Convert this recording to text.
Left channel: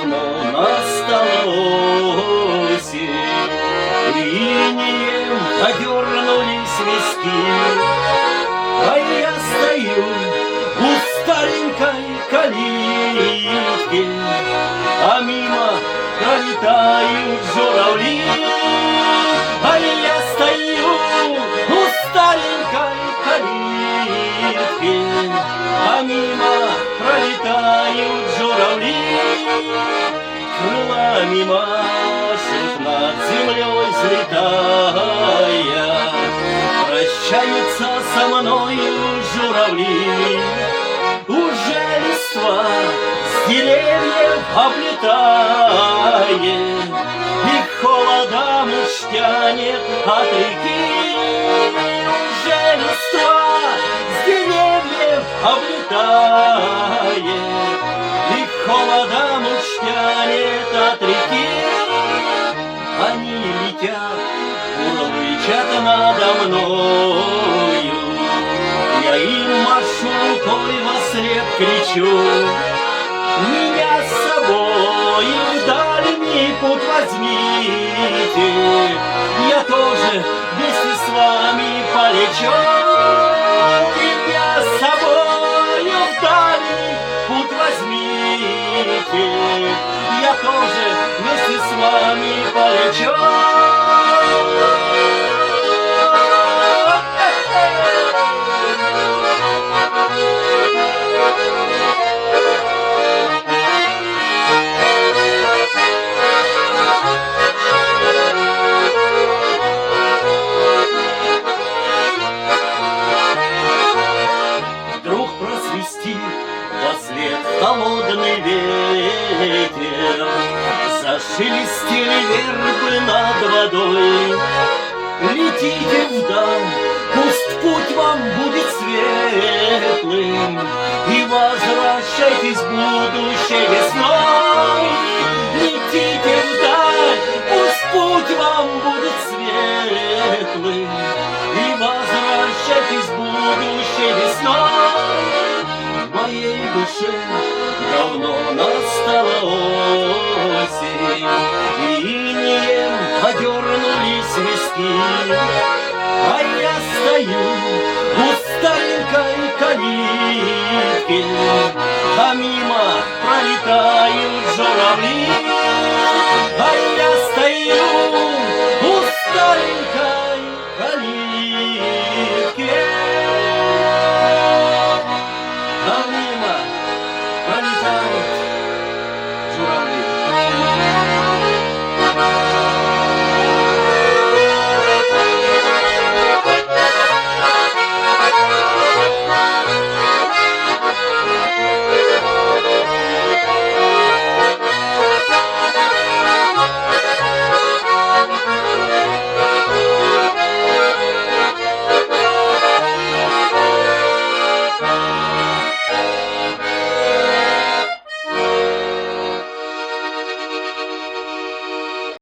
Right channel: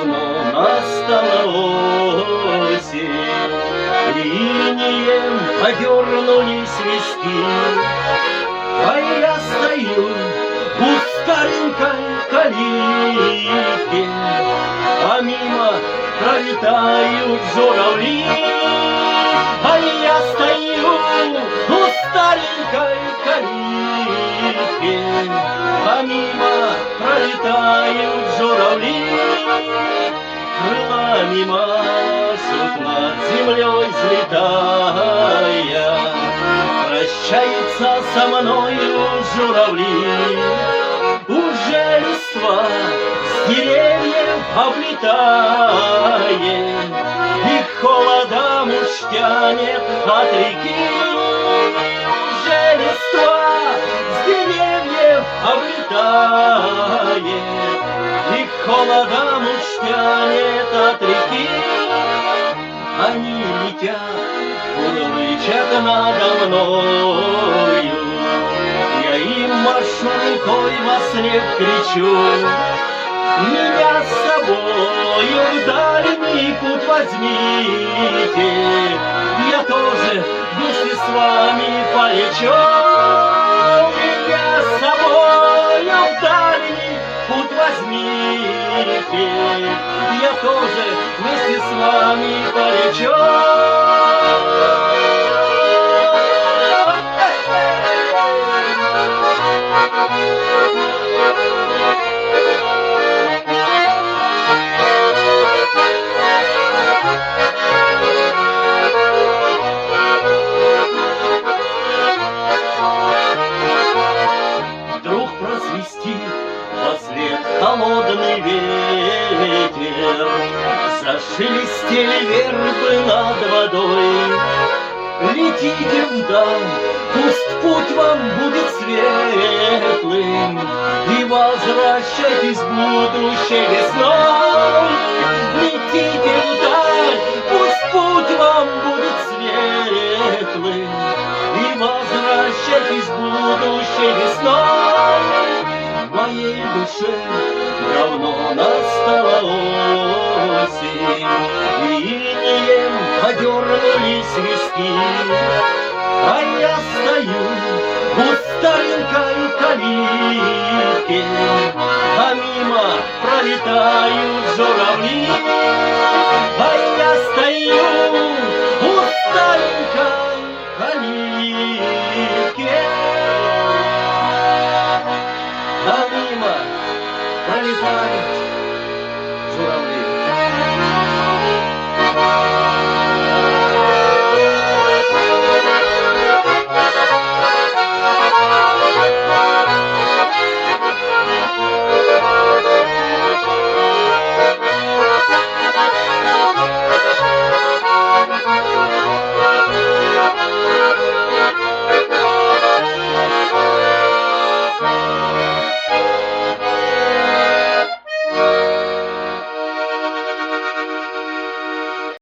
Давно настала осень, инеем подернулись виски, а я стою у старенькой калитки, а мимо пролетают журавли. А я стою у старенькой калитки, а мимо пролетают журавли. Крылами машут над землей взлетая, прощаются со мною журавли. Уже листва с деревьев облетает, и холодом уж тянет от реки. Уже листва с деревьев облетает, и холодом уж тянет от реки. Они летят, улычат надо мною, я им машу рукой вослед кричу. Меня с собою в дальний путь возьмите, я тоже вместе с вами полечу. Меня с собою в дальний путь возьмите, я тоже вместе с вами полечу. Вдруг просвистит вослед холодный ветер, зашелестели вербы над водой. Летите вдаль, пусть путь вам будет светлым, и возвращайтесь будущей весной. Летите вдаль, пусть путь вам будет светлым, и возвращайтесь будущей весной. В моей душе давно настала осень, и инеем подернулись виски, а я стою у старенькой калитки, а мимо пролетают журавли.